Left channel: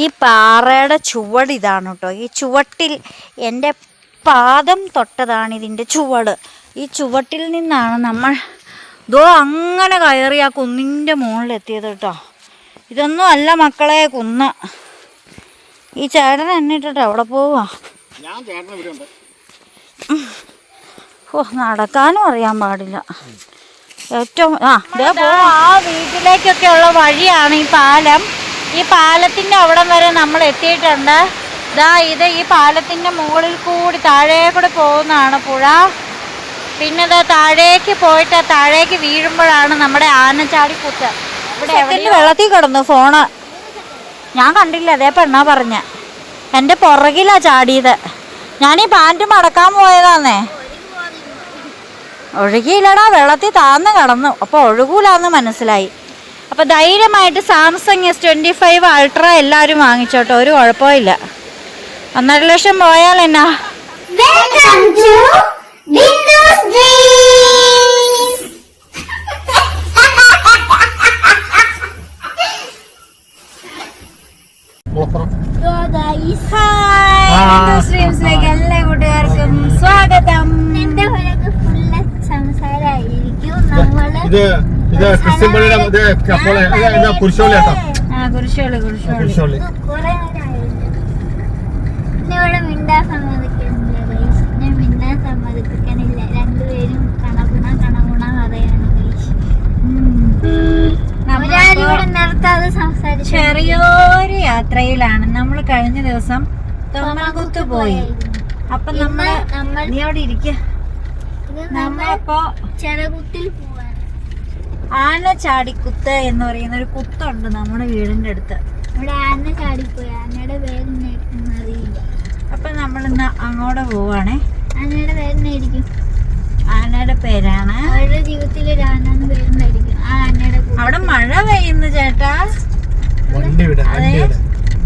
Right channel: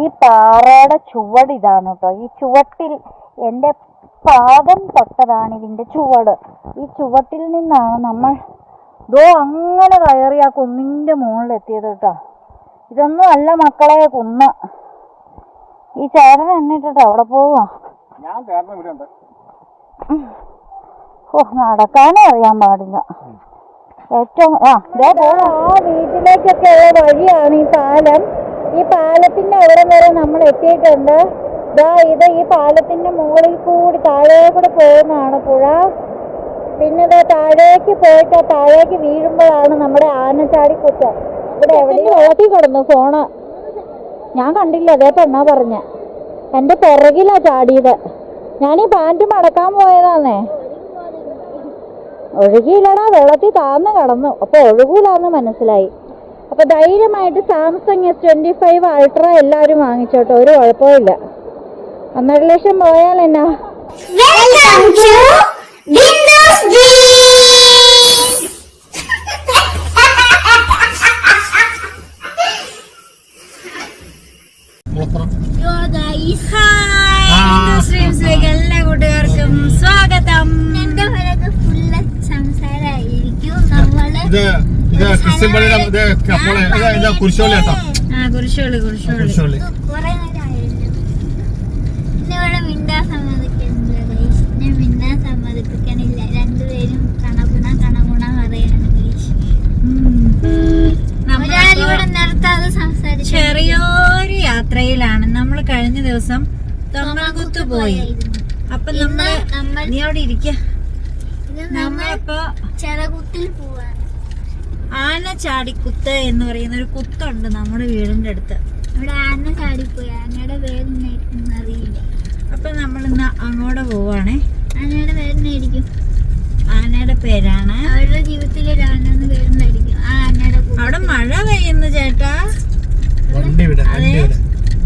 ഈ പാറയുടെ ചുവട് ഇതാണ് കേട്ടോ. ഈ ചുവട്ടിൽ എന്റെ പാദം തൊട്ടതാണ് ഇതിന്റെ ചുവട്. ഈ ചുവട്ടിൽ നിന്നാണ് നമ്മൾ ദോ അങ്ങനെ കയറി ആ കുന്നിന്റെ മുകളിലെത്തിയത് കേട്ടോ. ഇതൊന്നും അല്ല മക്കളെ കുന്ന്. ഈ ചേട്ടൻ എന്നിട്ടിട്ട് അവിടെ പോവാ? ഓ നടക്കാനും അറിയാൻ പാടില്ല. ഏറ്റവും ആ ദേ പോവാ. ആ വീട്ടിലേക്കൊക്കെ ഉള്ള വഴിയാണ് ഈ പാലം. ഈ പാലത്തിന്റെ അവിടം വരെ നമ്മൾ എത്തിയിട്ടുണ്ട്. ദാ ഇത് ഈ പാലത്തിന്റെ മുകളിൽ കൂടി താഴെ കൂടി പോകുന്നതാണ് പുഴ. പിന്നെ ഇതാ താഴേക്ക് പോയിട്ട് താഴേക്ക് വീഴുമ്പോഴാണ് നമ്മുടെ ആനച്ചാടിക്കുത്ത്. ഇവിടെ എവിടെ വെള്ളത്തിൽ കിടന്നു ഫോണ്. ഞാൻ കണ്ടില്ല അതേ പെണ്ണാ പറഞ്ഞ. എന്റെ പുറകിലാ ചാടിയത്. ഞാൻ ഈ പാന്റ് മടക്കാൻ പോയതാന്നേ. ഒഴുകിയില്ലടാ വെള്ളത്തിൽ താന്ന് കടന്നു. അപ്പോൾ ഒഴുകൂലാന്ന് മനസ്സിലായി. അപ്പോൾ ധൈര്യമായിട്ട് Samsung S twenty five ultra എല്ലാവരും വാങ്ങിച്ചോട്ടോ ഒരു കുഴപ്പമില്ല ഒന്നര ലക്ഷം പോയാൽ എന്നാ? എല്ലാ കൂട്ടുകാർക്കും സ്വാഗതം. എന്റെ ഫുള്ള് സംസാരമായിരിക്കും നമ്മൾ ക്രിസ്ത്യൻ പള്ളിയുടെ അപ്പോൾ കുരിശോളി കേട്ടോ. കുരിശോളി കുരിശോളി ചെറിയൊരു യാത്രയിലാണ്. നമ്മൾ കഴിഞ്ഞ ദിവസം തൊമ്മൽകുത്ത് പോയി. അപ്പൊ നമ്മൾ നമ്മൾ നീ അവിടെ ഇരിക്കുത്തിൽ പോവാ ചെനകുത്തിൽ ചാടിക്കുത്ത് ആനച്ചാടിക്കുത്ത് എന്ന് പറയുന്ന ഒരു കുത്തുണ്ട് നമ്മുടെ വീടിന്റെ അടുത്ത്. അവിടെ ആന ചാടിപ്പോയി. ആനയുടെ പേര് അറിയില്ല. അപ്പൊ നമ്മൾ ഇന്ന് അങ്ങോട്ട് പോവാണേ. ആനയുടെ പേരെന്നായിരിക്കും ആനയുടെ പേരാണ്. അവരുടെ ജീവിതത്തിൽ ഒരു ആനെന്ന് പേരുണ്ടായിരിക്കും ആ ആനയുടെ. അവിടെ മഴ പെയ്യുന്നു ചേട്ടാ. വണ്ടി വിട വണ്ടി വിട.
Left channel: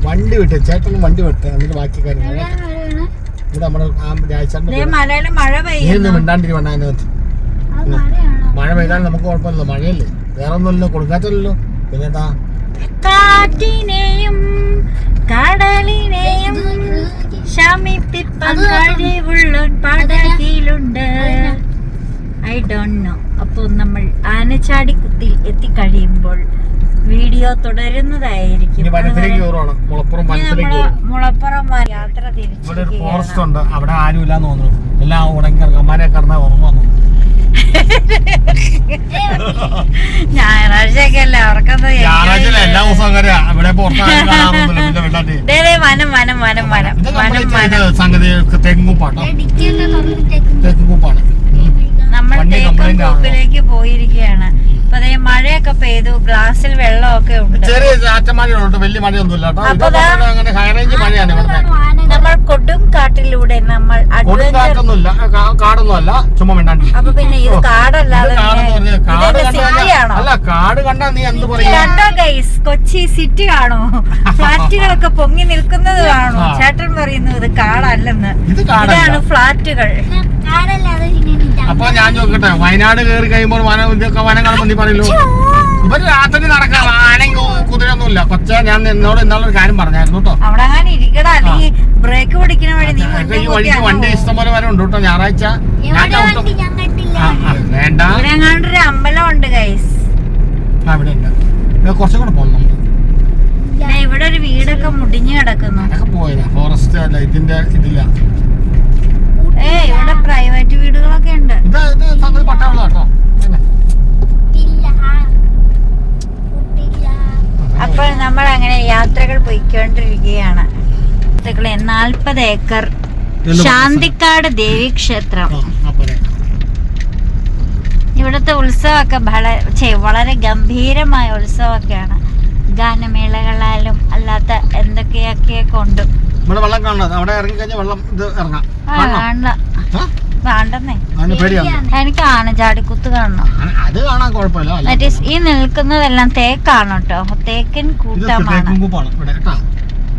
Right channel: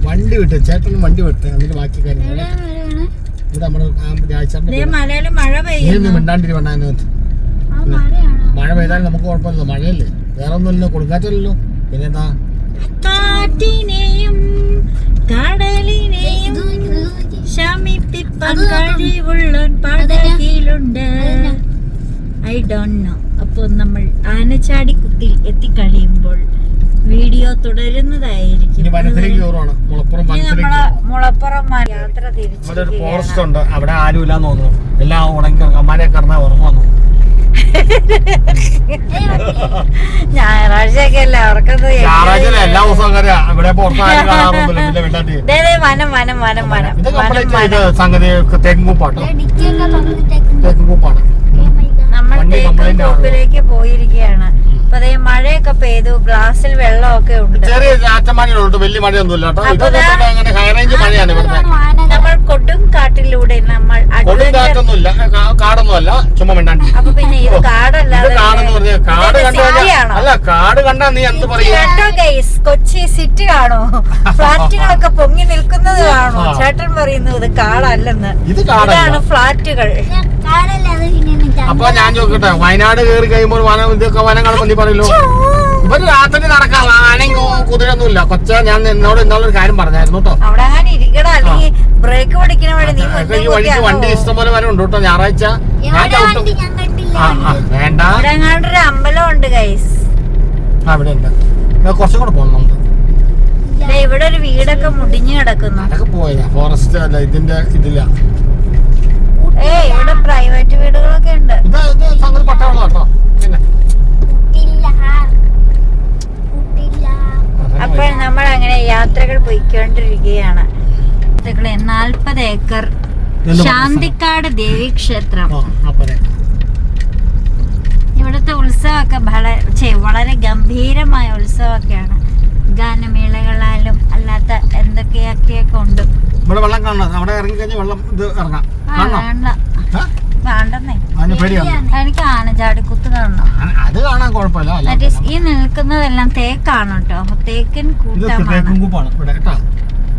വണ്ടി വിട്ട് ചേട്ടൻ വണ്ടി വിട്ട് എന്നിട്ട് ബാക്കി കാര്യങ്ങൾ. ഇത് നമ്മുടെ ആ ദേ രാജേട്ടന്റെ മലയിൽ മഴ പെയ്യുന്നു. മിണ്ടാണ്ടിരി ആ മഴയാണോ? മഴ പെയ്താൽ നമുക്ക് കുഴപ്പമില്ല മഴയല്ലേ? വേറെ ഒന്നുമില്ലല്ലോ കൊടുക്കാറ്റല്ലോ പിന്നെ എന്താ കാറ്റിനെയും കടലിനെയും ശമിപ്പിപ്പാൻ കഴിവുള്ള പടകിലുണ്ട് ഐ ഡോണ്ട് നോ അപ്പോൾ നമ്മൾ ആനച്ചാടിക്കുത്തിൽ എത്തിക്കഴിയുമ്പോൾ വീഡിയോ തുടരുന്നതായിരിക്കും. മുളപ്പുറം മുളപ്പുറം യാത്ര തിരിച്ചു അവിടെ ആരും ഇല്ലാന്ന് തോന്നുന്നു. എല്ലാം ഉടങ്ങി അമ്മമാരെ കിടന്നാൽ ഉറങ്ങുന്നു ഞായറാഴ്ചയൊക്കെ അല്ലേ അവർക്കത് ഞായറാഴ്ച എല്ലാ ദിവസവും ഇവിടെ വനം വനം വനം വനം. ഇത് വനം വനം. സംഗതി തെങ്ങുപ്പാട്ടോ തെങ്ങുപ്പാണ് നമ്മൾ തേക്കും കൂപ്പിലേക്ക് പോയിരിക്കുകയാണ്. ദേ മഴയൊക്കെ പെയ്തു ഗ്ലാസ്സിൽ വെള്ളമൊക്കെ ഉണ്ട്. ചെറിയ ചാറ്റമഴയുണ്ട് വലിയ മഴയൊന്നുമില്ല നമ്മൾ കൊടും കാട്ടിലൂടെ നമ്മൾ കൊടുങ്കാറ്റൊന്നുമില്ല കാടൊന്നുമല്ല ചുമ്മാ മിണ്ടാൻ അപ്പൊ പിന്നെ ഇത് കാടല്ലാതെ അല്ല കാട് കണ്ടാ നീ എന്ത് പറയും? കണ്ടോ ഗൈസ് കൊച്ചി സിറ്റി കാണോ ഫ്ലാറ്റുകളൊക്കെ പൊങ്ങി നിൽക്കുന്നത് കാണോ ചേട്ടൻ പറയുന്നു ഇത് കാടല്ലെന്ന്. ഇത് കാടല്ല. ഇതാണ് ഫ്ലാറ്റുകൾ. അപ്പൊ ഞാൻ ചോദിക്കട്ടെ വയനാട് കയറി കഴിയുമ്പോൾ വനം ഇതൊക്കെ വനങ്ങൾ നീ പറയല്ലോ. ഇവർ രാത്രി നടക്കാം ആനയും കുതിരൊന്നുമില്ല പക്ഷേ ഞാൻ എന്നോട് ഇന്നാളൊരു കാര്യം പറഞ്ഞായിരുന്നു കേട്ടോ. അവിടെ ബ്രേക്ക് പിടിക്കണ വഴി നീ വഴിക്ക് വണ്ടി ഇഷ്ടംപോലെ വരെ ഉണ്ട് കേട്ടോ. ഞായറാഴ്ച വേണ്ട ഇവിടെ എങ്ങാണ്ടൊരു അമ്പലമുണ്ട് ഗൈസ് ആ ഇവിടെ ഉണ്ട്. കുറച്ചും കൂടെ പോകണം നമുക്ക്. ദേ ഇവിടെ ഒരു വീടൊക്കെ മുടിഞ്ഞു കിടക്കുന്നു. പോയ ഫോറസ്റ്റ് അല്ല ഇതിന്റെ ഇതില്ല ഏയ് ഇവിടെ പ്രൈവറ്റ് വീടുകളൊക്കെ ഉണ്ട്. ഇത് ഇത് സംഗതി പട്ടവെള്ളം കേട്ടോ. പിന്നെ? കുട്ടില്ല കുട്ടില്ല. അപ്പോൾ നമ്മൾ അങ്ങനെ യാത്രകൾ പോയിക്കൊണ്ടിരിക്കുകയാണ്. നാൽപ്പത് ഏക്കർ ശാന്തിക്കാട് ദേവീക്ഷേത്രം. ഇവിടുത്തെ ഉത്സവമൊക്കെ വളരെ ഛെ, വളരെ ഗംഭീരമായ ഉത്സവമൊക്കെയാണ്. ഗാനമേളകളാലും അല്ലാത്ത എന്തൊക്കെയൊക്കെ കൊണ്ടും ഇവിടെ വെള്ളം കാണണം. അവിടെ ഇറങ്ങി കഴിഞ്ഞാൽ വെള്ളം ഇത് ഇറങ്ങാം. എനിക്ക് ആനചാടിക്കുത്ത് കാണണം. അത് കാണാൻ കുഴപ്പമില്ല. അല്ല മറ്റേ ഈ നിൽക്കുന്നതെല്ലാം തേക്കാണ് കേട്ടോ തേക്കിൻ ഇത് കൂട്ടമാണ്.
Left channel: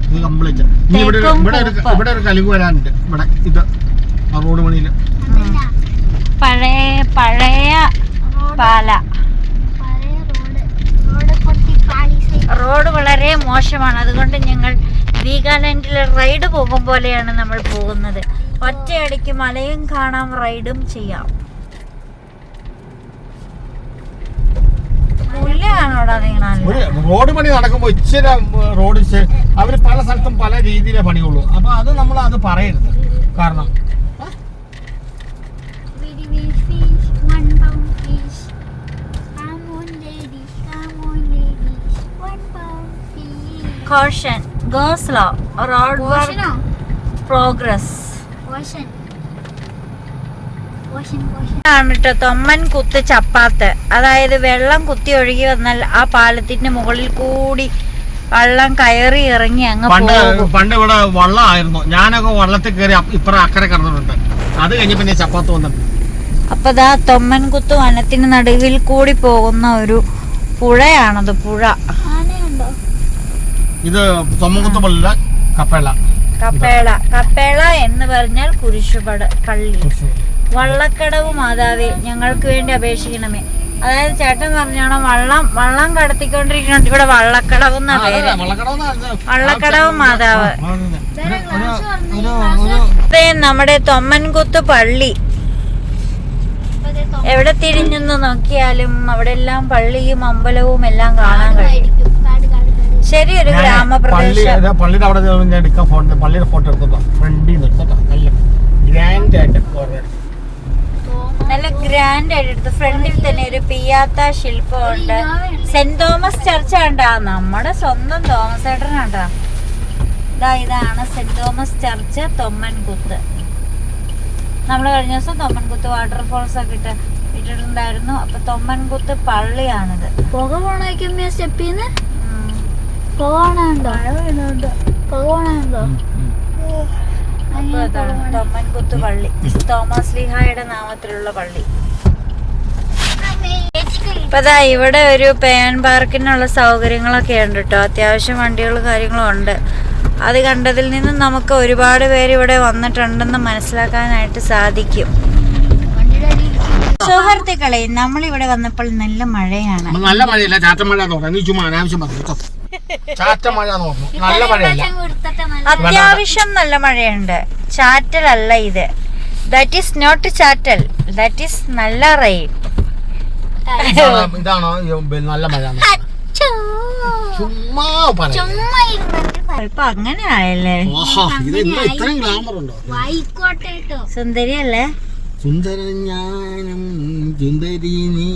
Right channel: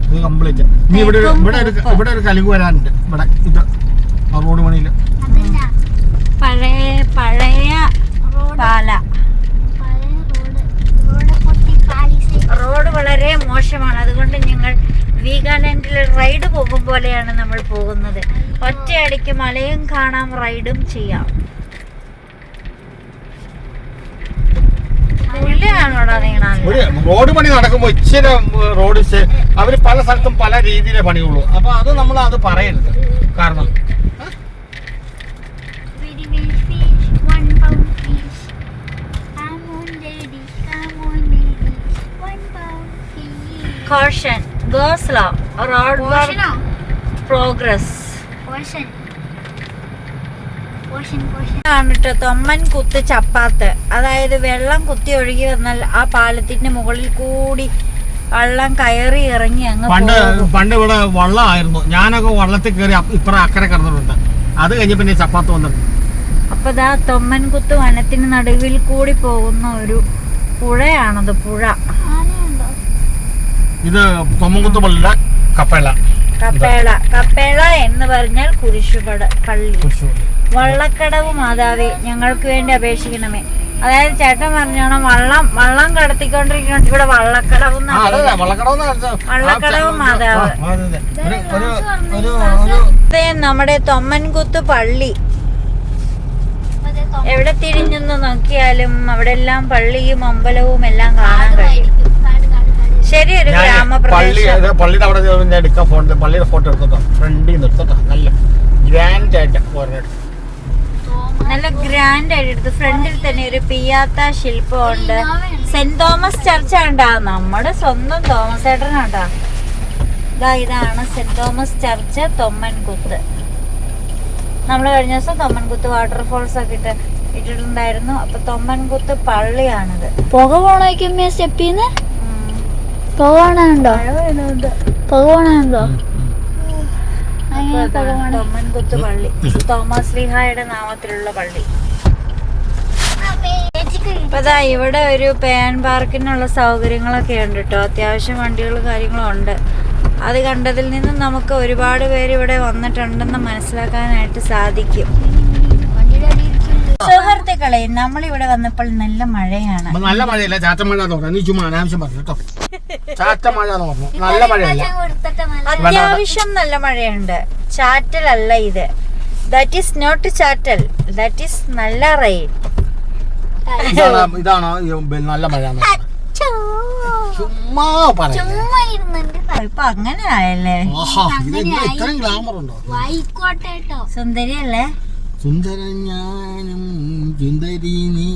ഇത് കംപ്ലീറ്റ് ഇവിടെ ഇവിടെ ഇവിടെ ഒരു കലുക് വരാനുണ്ട്. ഇവിടെ ഇത് റോഡ് പഴയ പഴയ പാല. റോഡ് വളരെ മോശമാണ്. അതുകൊണ്ട് ഞങ്ങൾ വീഗാലാൻഡിലെ റൈഡ് പോകും പോലെയാണ് നമ്മൾ പോകുന്നത്. ഒറ്റയടിക്ക് മലയും കാണാം റൈഡും ചെയ്യാം. റോഡ് പണി നടക്കുമ്പോൾ ഇച്ചിരി റോഡ് അവർ പല സ്ഥലത്തും പല രീതിയിലെ പണിയുള്ളൂ. അപ്പൊ അത് നമ്മൾ അത് പറയരുത്. കാരണം Very ഗോസ്ലോ റോഡ് പ്രോഗ്രസ്. കേട്ടോ തൊമ്മൻ കുത്ത് ചപ്പാത്ത്. അതായത് വെള്ളം കുത്തി ഒഴുകി വന്നാൽ ആ പാലത്തിന്റെ മുകളിൽ കൂടി വെള്ളം കയറി ഇറങ്ങി അങ്ങ് പണ്ട് പണ്ട് ഇവിടെ വള്ളമായിരുന്നു. ഞാനൊക്കെ വള്ളത്തിൽ കയറി ഇപ്പറ അക്കരെ കിടന്നിട്ടുണ്ട്. അത് കഴിഞ്ഞ് പിന്നെ ചപ്പാത്ത് വന്നിട്ടുണ്ട്. അപ്പൊ ദാ തൊമ്മൻകുത്ത് വനത്തിന് നടുവിൽ കൂടി പോകുന്ന ഒരു പുഴയാണത് പുഴ? ഇത് തൊമ്മക്കുത്ത് പള്ളിയുടെ കപ്പേള. കപ്പേള. കപ്പേള എന്ന് പറഞ്ഞാൽ കുരിശുപട പള്ളി. വള്ളക്കടവ് മാതാവേ ഞങ്ങൾക്ക് വേണ്ടി അപേക്ഷിക്കണമേ. അതായത് ചേട്ടൻ പറഞ്ഞാണ് വള്ളം വള്ളം കടത്തിക്കൊണ്ടിരിക്കുന്നുണ്ട്. ഇവിടെ വള്ളക്കടവ് വള്ളക്കടവ് മാതാവ്. നമ്മുടെ തൊമ്മൻകുത്ത് പള്ളി. എവിടെ തിരിഞ്ഞെന്ന് നോക്കിയാലും അവിടെ എല്ലാം പള്ളിയും അമ്പലവും എല്ലാം കാണാൻ കഴിയും കാടുമായിരിക്കും. കാട്, കാട്, കാട്. ശരി ഒരു ഗ്രാമപ്രദേശം. പള്ളിയുടെ അവിടെ ഞാൻ എടുക്കാൻ ഫോൺ പള്ളിയുടെ ഫോട്ടോ എടുത്തോ ഫ്രണ്ടിൽ നിന്ന് എടുത്തോ നല്ല ഗ്രാൻഡ് ആയിട്ട് ഫോട്ടോ നല്ല ഗ്രാൻഡ് ആയിട്ട് എടുത്തു ഫ്രണ്ടിൽ തന്നെ ഒരു പിയാത്ത ശില്പമുണ്ട്. സെന്റ് തോമസ് ചർച്ച് കണ്ടാ? നമ്മുടെ സ്വന്തം തോമസ് ഏട്ടൻ കണ്ടാ? ഇതാ ഇതാണ് സെന്റ് തോമസ് ചർച്ച് തൊമ്മൻകുത്ത്. നമ്മൾ കഴിഞ്ഞ ദിവസം തൊമ്മൻകുത്ത് വാട്ടർഫോൾസ് ഒക്കെ ഇട്ട് ഇട്ടിട്ടുണ്ടായിരുന്നു. അപ്പൊ തൊമ്മൻകുത്ത് പള്ളിയാണിത്. പുക പോണേക്കുമ്പോ സ്റ്റെപ്പിന്ന് തൊമ്മൻകുത്ത് പള്ളി. തോമസ് ലിഹായുടെ നാമത്തിലുള്ള പള്ളി. ഇപ്പൊ ദാ ഇവിടെ ഒരു പേൻ പാർക്കിനുള്ള സൗകര്യങ്ങളൊക്കെ ഉണ്ട് കേട്ടോ അത്യാവശ്യം വണ്ടികളും കാര്യങ്ങളും ഉണ്ട്. അത് കണ്ടതിൽ നിന്നും നമുക്ക് ഒരുപാട് പേര് ഇവിടെ വന്നിട്ടുണ്ടെന്ന് മനസ്സിലാക്കാനായിട്ട് സാധിക്കും. സുഹൃത്തുക്കളെ നമ്മളിവിടെ വന്നപ്പോൾ നല്ല മഴയാണ്. നല്ല മഴയില്ല? ചാറ്റമഴ നീ ചുമ്മാ അനാവശ്യം പറഞ്ഞു കേട്ടോ. ചാറ്റമഴ മഴ നല്ല മഴയല്ല. അത്യാവശ്യം നല്ല മഴയുണ്ട്. ചാറ്റലല്ല ഇത്. ദാറ്റ് ഈസ് നോട്ട് ചാറ്റൽ. ദാറ്റ് ഈസ് നല്ല റെയിൻ ഇതാണ് നല്ല മഴ? ചുമ്മാ ഇപ്പൊ അങ്ങനെ ആയല്ലേ? ഇത്രയും ഗ്ലാമർ ഉണ്ടോ? സുന്ദരിയല്ലേ? സുന്ദര ഞാനും സുന്ദരി നീ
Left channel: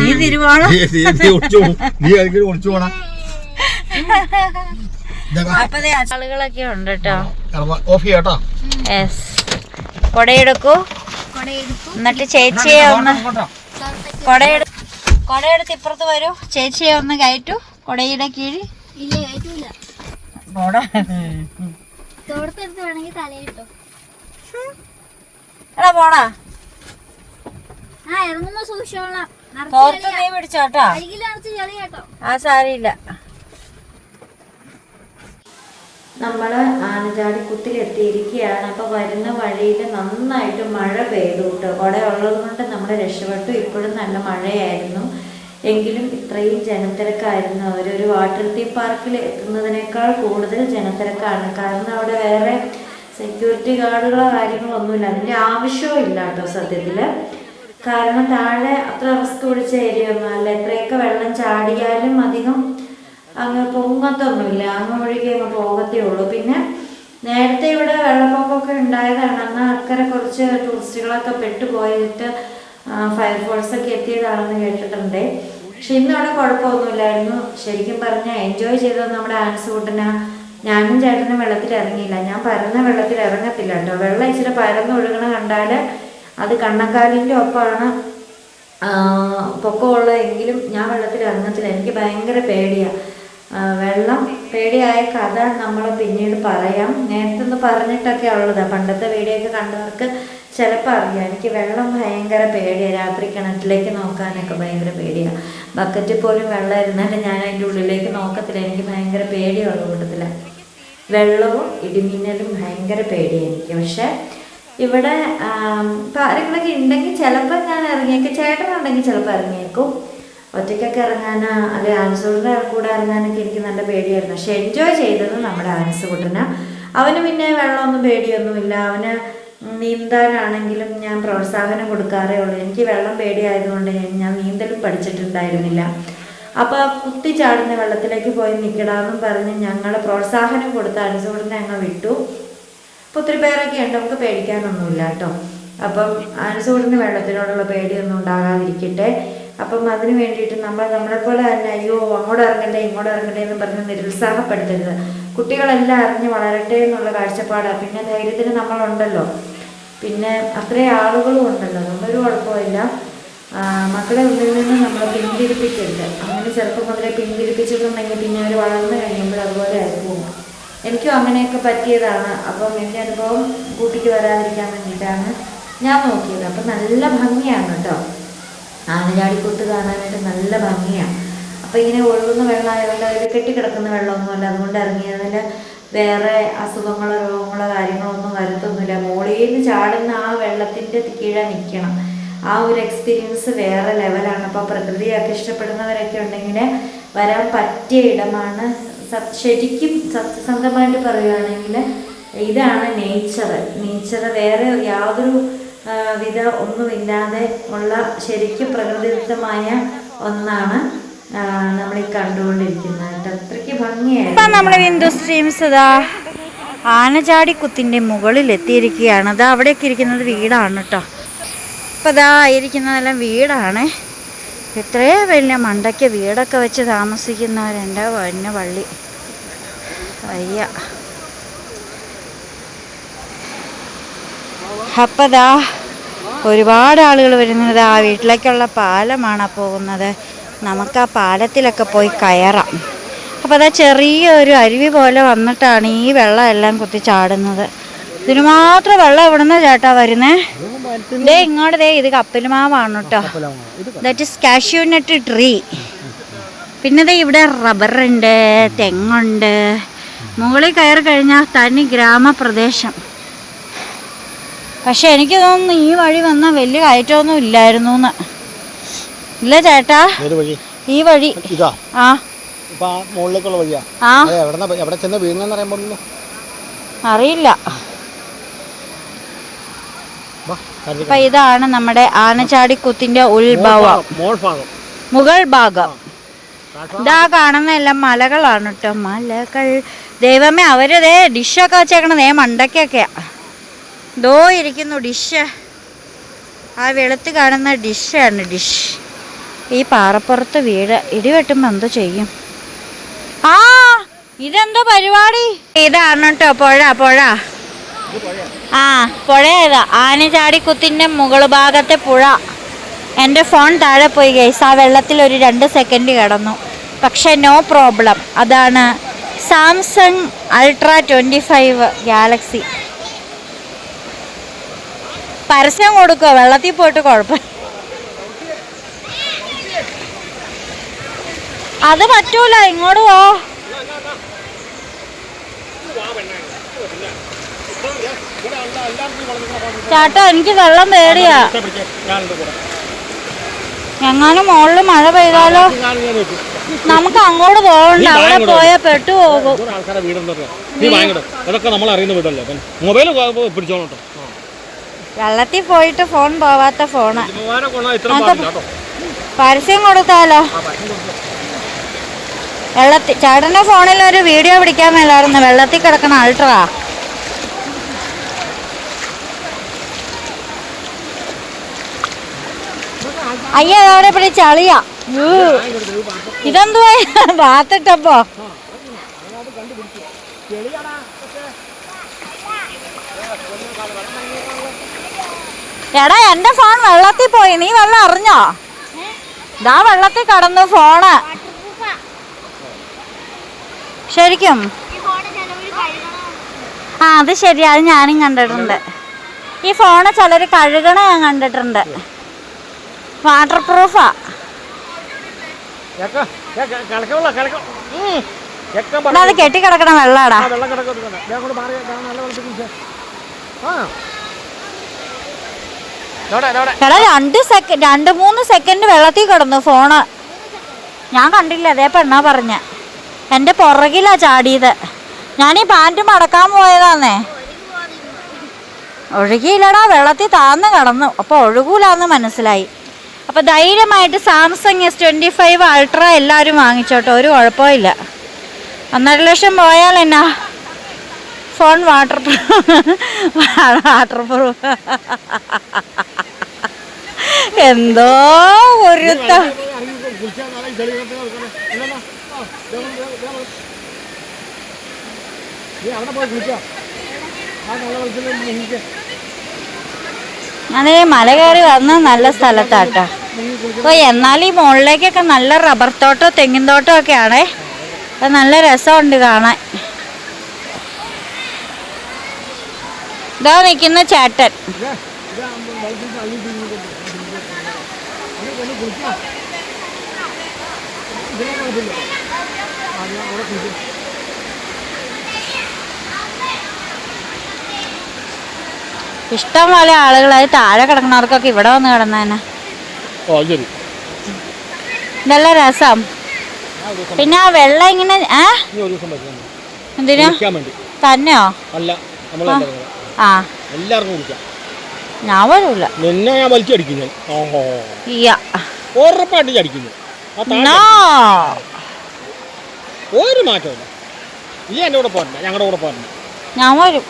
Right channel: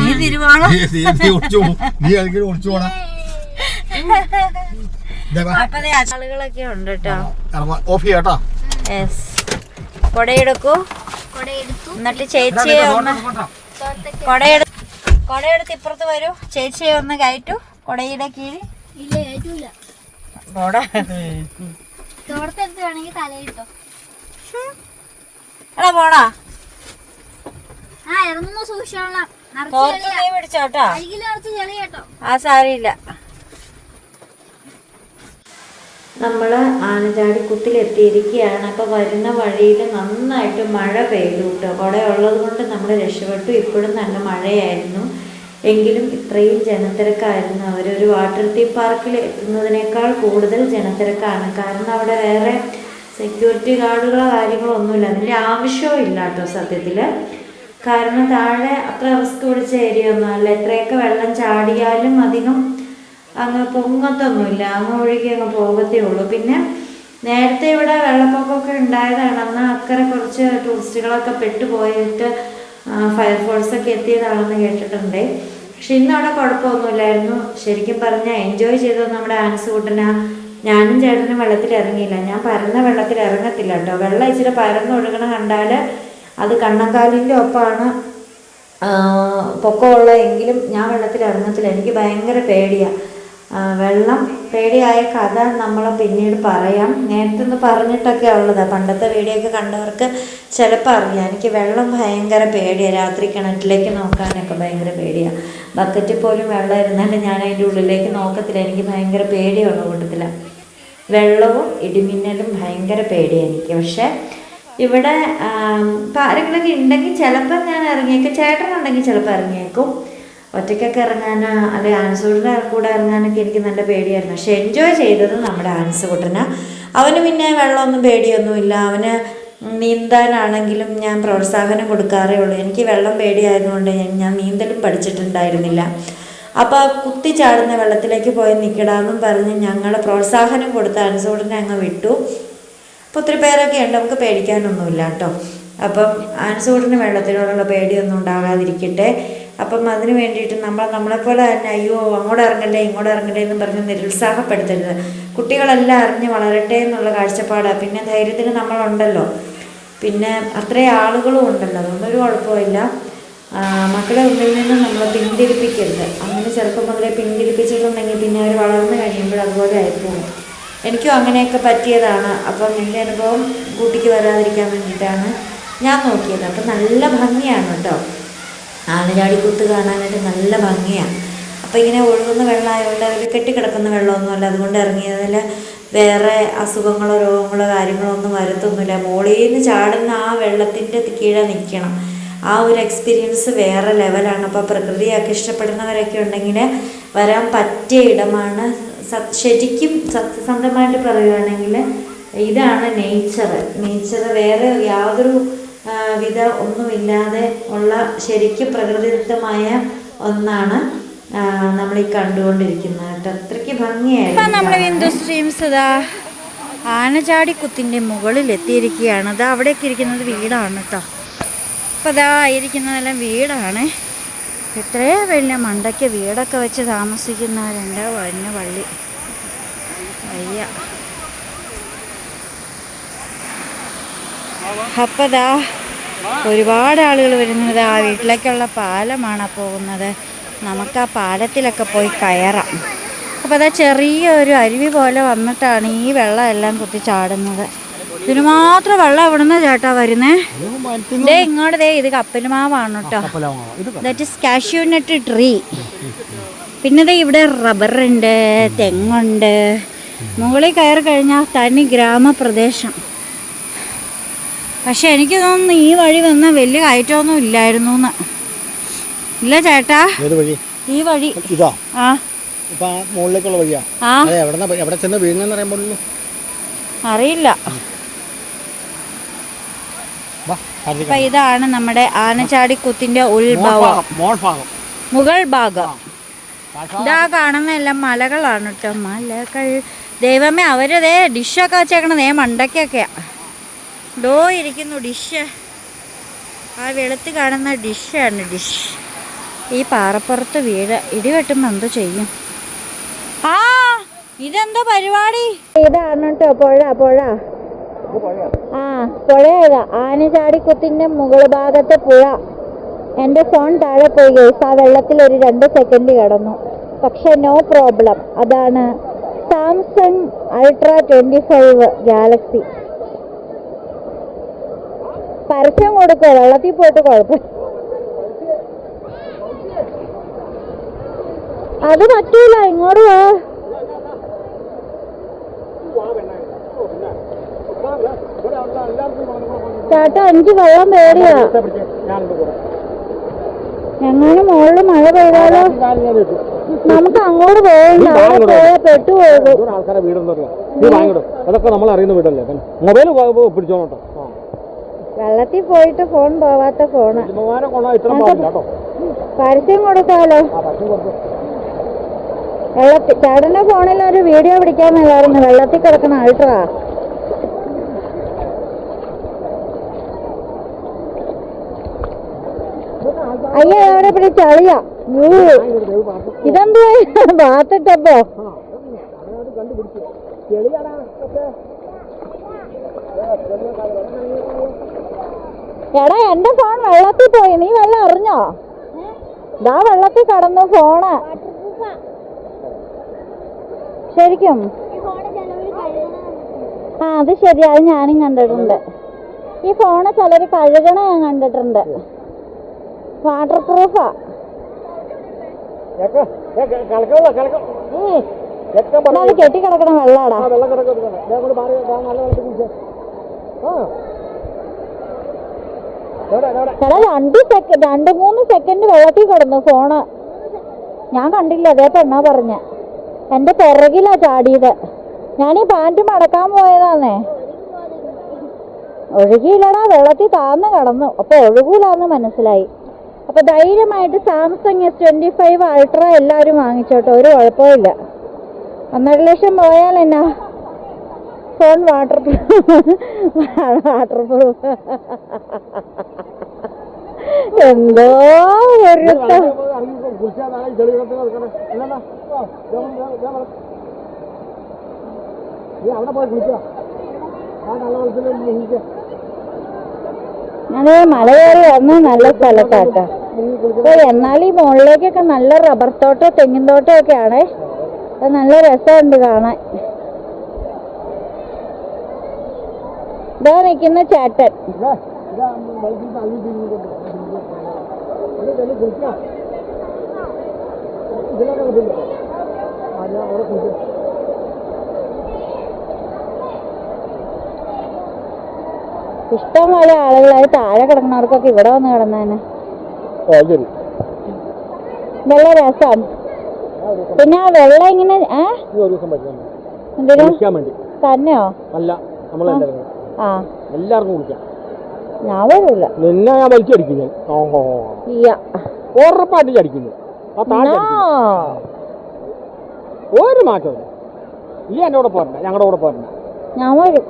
നീ തിരുവോണം. നീ- ആയിരിക്കും ഒളിച്ചു ആളുകളൊക്കെ ഉണ്ട് കേട്ടോ. ഓഫ് ചെയ്യാട്ടോ കൊടയെടുക്കൂ. എന്നിട്ട് ചേച്ചിയെ ഒന്ന് കൊടയെടു കൊടയെടുത്ത് ഇപ്പുറത്ത് വരൂ. ചേച്ചിയെ ഒന്ന് കയറ്റു. കൊടയുടെ കീഴിൽ. എടാ പോടാ. ഇറങ്ങുമ്പോ സൂക്ഷിച്ചോളാം കുത്തിലെത്തിയിരിക്കുകയാണ് അപ്പൊ ചെളിയാ. നീ പിടിച്ചോട്ടോ? ആ സാരിയില്ല. നമ്മൾ ആനചാടിക്കുത്തിലെത്തിയിരിക്കുകയാണ് അപ്പോൾ വരുന്ന വഴിയിൽ നന്നായിട്ട് മഴ പെയ്തു കേട്ടോ. കുട ഉള്ളത് കൊണ്ട് നമ്മൾ രക്ഷപ്പെട്ടു. ഇപ്പോഴും നല്ല മഴയായിരുന്നു. എങ്കിലും ഇത്രയും ജനത്തിരക്കായിരുന്നു അവർ ഒരു വാട്ടർ തീം പാർക്കിൽ എത്തുന്നതിനേക്കാൾ കൂടുതൽ ജനത്തിരക്കാണ്. കാരണം അവിടെ വേറെ സെക്യൂരിറ്റി ഗാർഡുകളോ കാര്യങ്ങളോ ഒന്നുമില്ല. അതിന്റെ ആവശ്യവും ഇല്ല കേട്ടോ സത്യത്തിൽ കാരണം താഴെ അത്ര റിസ്ക് പിടിച്ച ഏരിയ ഒന്നും അല്ല. എത്രയൊക്കെ വെള്ളം ചാടിയാലും അധികം അങ്ങ് പൊങ്ങത്തൊന്നുമില്ല. അങ്ങ് ഒഴുകി അങ്ങ് പോകത്തേ ഉള്ളൂ. പിന്നെ നേരത്തെ ഇവിടെ വെള്ളപ്പൊക്കമൊക്കെ ഉണ്ടായതാണ്. അന്ന് അക്കരെ കുറച്ച് ടൂറിസ്റ്റുകളൊക്കെ പെട്ടുപോയിട്ട് ഫയർഫോഴ്സ് ഒക്കെ എത്തിയതാണെന്ന് കേട്ടിട്ടുണ്ട്. പക്ഷെ ഇന്ന് അവിടെ കുഴപ്പമൊന്നുമില്ലായിരുന്നു. ശരിക്കും പറഞ്ഞാൽ എൻജോയ് ചെയ്തത് നമ്മുടെ ആൻസ് കൂട്ടന. ഞാനും ചേട്ടനും വെള്ളത്തിൽ ഇറങ്ങിയില്ല ഞാൻ പരന്ന വെള്ളത്തിൽ ഇറങ്ങത്തില്ല കേട്ടോ. വെള്ളം ഇച്ചിരി പരന്നൊഴുകണ കണ്ടാൽ അത് കണ്ണങ്കാലിന്റെ ഒപ്പമാണ്. പൊക്കമുള്ള എങ്കിലും ഞാൻ വെള്ളത്തിൽ ഇറങ്ങത്തില്ല. എനിക്ക് ഭയങ്കര പേടിയാണ് വെള്ളം പേടിയായ കഥ നമ്മൾ പിന്നീട് പറയാം. നേരത്തെ ഒന്ന് പറഞ്ഞിട്ടൊക്കെ ഉള്ളതാണ് പണ്ടത്തെ വീഡിയോ ഒക്കെ കണ്ടവർക്ക് ചിലപ്പോൾ അറിയാം. എനിക്ക് വെള്ളം ഭയങ്കര പേടിയാണ് രാത്രി കിണറ്റിലേക്ക് നോക്കാനൊക്കെ ഭയങ്കര പേടിയാണ് ബക്കറ്റിൽ പോലും വെള്ളം ഇരുന്നാലും ഞാൻ അതിന്റെ ഉള്ളിലേക്ക് നോക്കത്തില്ല. എനിക്ക് ഭയങ്കര പേടിയുള്ള കൂട്ടത്തില്ല വെള്ളവും ഇടിമിന്നലും ഭയങ്കര പേടിയാണ് എനിക്ക്. പക്ഷേ ഇവിടെ ആരെങ്കിലൊക്കെ ഉണ്ടെങ്കിൽ ചിലപ്പോൾ ഞാൻ ഇറങ്ങിയേക്കും. ചേട്ടനുണ്ടെങ്കിൽ ചിലപ്പോൾ ഇറങ്ങിയേക്കും. ഒറ്റയ്ക്കൊക്കെ ഇറങ്ങാനോ അല്ലെ ആൻസൂട്ടിന്റെ കൂടെ ഇറങ്ങാനൊക്കെ എനിക്ക് നല്ല പേടിയായിരുന്നു. പക്ഷെ എൻജോയ് ചെയ്തത് നമ്മുടെ ആൻസുകുട്ടന് അവന് പിന്നെ വെള്ളമൊന്നും പേടിയൊന്നുമില്ല. അവന് നീന്താനാണെങ്കിലും ഞാൻ പ്രോത്സാഹനം കൊടുക്കാറേ ഉള്ളൂ. എനിക്ക് വെള്ളം പേടിയായതുകൊണ്ട് ഞാൻ- ഞാൻ നീന്തലും പഠിച്ചിട്ടുണ്ടായിരുന്നില്ല. അപ്പോൾ കുത്തി ചാടുന്ന വെള്ളത്തിലേക്ക് പോയി നിൽക്കടാന്നും പറഞ്ഞ് ഞങ്ങളെ പ്രോത്സാഹനം കൊടുത്ത് അനുസോടിനെ അങ്ങ് വിട്ടു. അപ്പോൾ ഒത്തിരി പേരൊക്കെ ഉണ്ട് നമുക്ക് പേടിക്കാനൊന്നുമില്ല കേട്ടോ. അപ്പം അനുസൂടിന് വെള്ളത്തിനോടുള്ള പേടിയൊന്നും ഉണ്ടാകാതിരിക്കട്ടെ. അപ്പം അതിന് വേണ്ടിയിട്ട് നമ്മൾ നമ്മളെപ്പോലെ തന്നെ അയ്യോ അങ്ങോട്ട് ഇറങ്ങണ്ടേ ഇങ്ങോട്ട് ഇറങ്ങണ്ടേ എന്ന് പറഞ്ഞ് നിരുത്സാഹപ്പെടുത്തരുത്. കുട്ടികളെല്ലാം അറിഞ്ഞ് വളരട്ടെ എന്നുള്ള കാഴ്ചപ്പാടാണ് പിന്നെ ധൈര്യത്തിന് നമ്മളുണ്ടല്ലോ. പിന്നെ അത്രയും ആളുകളും ഉണ്ടല്ലോ. അതുകൊണ്ടൊരു കുഴപ്പമില്ല മക്കളെ ഒന്നിൽ നിന്ന് നമ്മൾ പിന്തിരിപ്പിക്കരുത്. അങ്ങനെ ചെറുപ്പം മുതലേ പിന്തിരിപ്പിച്ചിട്ടുണ്ടെങ്കിൽ പിന്നെ അവർ വളർന്നു കഴിയുമ്പോൾ അതുപോലെ ആയിപ്പോകും എനിക്കും അങ്ങനെയൊക്കെ പറ്റിയതാണ്. അപ്പം എന്റെ അനുഭവം കൂട്ടിക്ക് വരാതിരിക്കാൻ വേണ്ടിയിട്ടാണ് ഞാൻ നോക്കിയത്. അപ്പം നല്ല ഭംഗിയാണ് കേട്ടോ. ആനചാടിക്കൂത്ത് കാണാനായിട്ട് നല്ല ഭംഗിയാണ് അപ്പം ഇങ്ങനെ ഒഴുകുന്ന വെള്ളമായതുകൊണ്ട് അവർ കെട്ടിക്കിടക്കുന്ന വെള്ളമൊന്നുമല്ല. അതുകൊണ്ട് ഇറങ്ങിയതിൽ വേറെ അസുഖങ്ങളോ രോഗങ്ങളോ കാര്യങ്ങളോ ഒന്നും വരത്തൊന്നുമില്ല. മുകളിൽ നിന്ന് ചാടുന്ന ആ വെള്ളത്തിന്റെ കീഴെ നിൽക്കണം. ആ ഒരു എക്സ്പീരിയൻസ് വേറെ ലെവലാണ്. അപ്പോൾ പ്രകൃതിയൊക്കെ ഇഷ്ടപ്പെടുന്നവരൊക്കെ ഉണ്ടെങ്കിൽ വരാൻ പറ്റിയ ഇടമാണ് ശരിക്കും സത്യസന്ധമായിട്ട് പറയുകയാണെങ്കിൽ ഇതാണ് നേച്ചർ നേച്ചർ വേറെ യാതൊരു വിധ ഒന്നുമില്ലാതെ ഉള്ള ശരിക്കും പ്രകൃതിദത്തമായ ഒന്നാണ് നമ്മൾ ഈ കണ്ടുകൊണ്ടിരിക്കുന്നത് അത്രയ്ക്ക് ഭംഗിയായിരുന്നു. നമ്മൾ ഹിന്ദു സ്ട്രീംസ് ഇതാ ആനചാടിക്കുത്തിന്റെ മുകളിൽ എത്തിയിരിക്കുകയാണ് അത് അവിടെയൊക്കെ ഇരിക്കുന്നത് വീടാണ് കേട്ടോ. അപ്പം ഇതാ ഇരിക്കുന്നതെല്ലാം വീടാണ്. ഇത്രേ വലിയ മണ്ടയ്ക്ക് വീടൊക്കെ വെച്ച് താമസിക്കുന്നവരുണ്ട് വന്ന പള്ളി. വയ്യ. അപ്പം ദാ ഒരുപാട് ആളുകൾ വരുന്നത്. ആ വീട്ടിലേക്കുള്ള പാലമാണ് പോകുന്നത്. നമുക്ക് ആ പാലത്തിലൊക്കെ പോയി കയറാം. അപ്പോൾ അതാ ചെറിയ ഒരു അരുവി പോലെ വന്നിട്ടാണ് ഈ വെള്ളം എല്ലാം കുത്തി ചാടുന്നത് ഇതിന് മാത്രം വെള്ളം എവിടുന്ന ചേട്ടാ വരുന്നേ? ദേ ഇങ്ങോട്ട് ദേ ഇത് കപ്പലുമാവാണ് കേട്ടോ. That is cashew nut tree. പിന്നെ ദേ ഇവിടെ റബ്ബറുണ്ട് തെങ്ങുണ്ട്. മുകളിൽ കയറി കഴിഞ്ഞാൽ തനി ഗ്രാമപ്രദേശം. പക്ഷെ എനിക്ക് തോന്നുന്നു ഈ വഴി വന്ന വലിയ കയറ്റമൊന്നും ഇല്ലായിരുന്നു എന്ന്. ഇല്ല ചേട്ടാ? ഈ വഴി. ആ. മുകളിലേക്കുള്ള വഴിയാ. ആ അതെ എവിടെ എവിടെ ചെന്ന് വീഴുന്നെന്ന് അറിയാൻ പാടില്ലല്ലോ അറിയില്ല വാ അതിലേക്ക്. അപ്പൊ ഇതാണ് നമ്മുടെ ആനച്ചാടിക്കുത്തിന്റെ ഉത്ഭവം. മുകൾ ഭാഗം. ഇതാ കാണുന്ന എല്ലാം മലകളാണ് കേട്ടോ മലകൾ. ദൈവമേ അവരതേ ഡിഷൊക്കെ വെച്ചേക്കണതേ മണ്ടയ്ക്കൊക്കെയാ ദോ ഇരിക്കുന്നു ഡിഷ്. ആ വെളുത്ത് കാണുന്ന ഡിഷാണ് ഡിഷ്. ഈ പാറപ്പുറത്ത് വീട് ഇടിവെട്ടുമ്പോൾ എന്തോ ചെയ്യും. ആ ഇതെന്തോ പരിപാടി? ഇതാണ് കേട്ടോ പുഴ പുഴ. ആ പുഴ ഏതാ ആനചാടിക്കുത്തിന്റെ മുകൾ ഭാഗത്തെ പുഴ. എന്റെ ഫോൺ താഴെ പോയി ഗൈസ്. ആ വെള്ളത്തിൽ ഒരു രണ്ട് സെക്കൻഡ് കിടന്നു. പക്ഷേ നോ പ്രോബ്ലം അതാണ് Samsung ultra twenty five Galaxy. പരസ്യം കൊടുക്കുക വെള്ളത്തിൽ പോയിട്ട് കുഴപ്പം. അത് പറ്റൂല. ഇങ്ങോട്ട് പോ ചേട്ടാ എനിക്ക് വെള്ളം പേടിയാ. എങ്ങാനും മുകളിൽ മഴ പെയ്താലോ? നമുക്ക് അങ്ങോട്ട് പോകണ്ട. അവിടെ പോയാൽ ആൾക്കാരെ അതൊക്കെ നമ്മൾ അറിയുന്ന വീടല്ലേ? മൊബൈൽ പിടിച്ചോണം കേട്ടോ. വെള്ളത്തിൽ പോയിട്ട് ഫോൺ പോവാത്ത ഫോണ്. പരസ്യം കൊടുത്താലോ? വെള്ളത്തിൽ ചേട്ടന്റെ ഫോണിൽ ഒരു വീഡിയോ പിടിക്കാൻ മേലായിരുന്നു. വെള്ളത്തിൽ കിടക്കണ അൾട്രാ. അയ്യോ ഇവിടെ ചളിയാ ഊ. ഇതെന്തുവാ? ബാത്തിട്ടപ്പോ എടാ എന്റെ ഫോൺ വെള്ളത്തിൽ പോയി. നീ വെള്ളം അറിഞ്ഞോ? ദാ വെള്ളത്തിൽ കടന്നു ഫോണ്. ശരിക്കും. ആ അത് ശരി അത് ഞാനും കണ്ടിട്ടുണ്ട്. ഈ ഫോണ് ചിലർ കഴുകണ ഞാൻ കണ്ടിട്ടുണ്ട്. വാട്ടർ പ്രൂഫാ അത് കെട്ടിക്കിടക്കണ വെള്ളാടാ. എടാ രണ്ട് സെക്കൻഡ് രണ്ട് മൂന്ന് സെക്കൻഡ് വെള്ളത്തിൽ കിടന്നു ഫോണ്. ഞാൻ കണ്ടില്ല അതേ പെണ്ണാ പറഞ്ഞ. എന്റെ പുറകിലാ ചാടിയത്. ഞാൻ ഈ പാന്റ് മടക്കാൻ പോയതാന്നേ. ഒഴുകിയില്ലടാ വെള്ളത്തിൽ താന്ന് കടന്നു. അപ്പോൾ ഒഴുകൂലാന്ന് മനസ്സിലായി. അപ്പോൾ ധൈര്യമായിട്ട് Samsung S twenty five ultra എല്ലാവരും വാങ്ങിച്ചോട്ടെ ഒരു കുഴപ്പമില്ല ഒന്നര ലക്ഷം പോയാൽ എന്നാ? Phone waterproof waterproof എന്തോ ഒരു ത- അതേ മല കയറി വന്ന് നല്ല സ്ഥലത്താട്ട. അപ്പൊ എന്നാൽ ഈ മുകളിലേക്കൊക്കെ നല്ല റബ്ബർ തോട്ടം തെങ്ങിൻ തോട്ടം ഒക്കെ ആണേ. അത് നല്ല രസമുണ്ട് കാണാൻ. ഇതാ നിൽക്കുന്ന ചേട്ടൻ. ഇഷ്ടം പോലെ ആളുകൾ അത് താഴെ കിടക്കുന്നവർക്കൊക്കെ ഇവിടെ വന്ന് കിടന്നതന്നെ ശരി. ഇതെല്ലാം രസം. പിന്നെ ആ വെള്ളം ഇങ്ങനെ ഏ? എന്തിനു? തന്നെയോ? ആ. എല്ലാവർക്കും ഞാൻ വരൂല നിന്നെ ഞാൻ വലിച്ചടിക്കും ഞാൻ. ഉറപ്പായിട്ട് ചടിക്കുന്നു. ഒരു മാറ്റമില്ല ഈ എന്റെ കൂടെ പോരണ്ട. ഞങ്ങളുടെ കൂടെ പോരണ്ട. ഞാൻ വരും.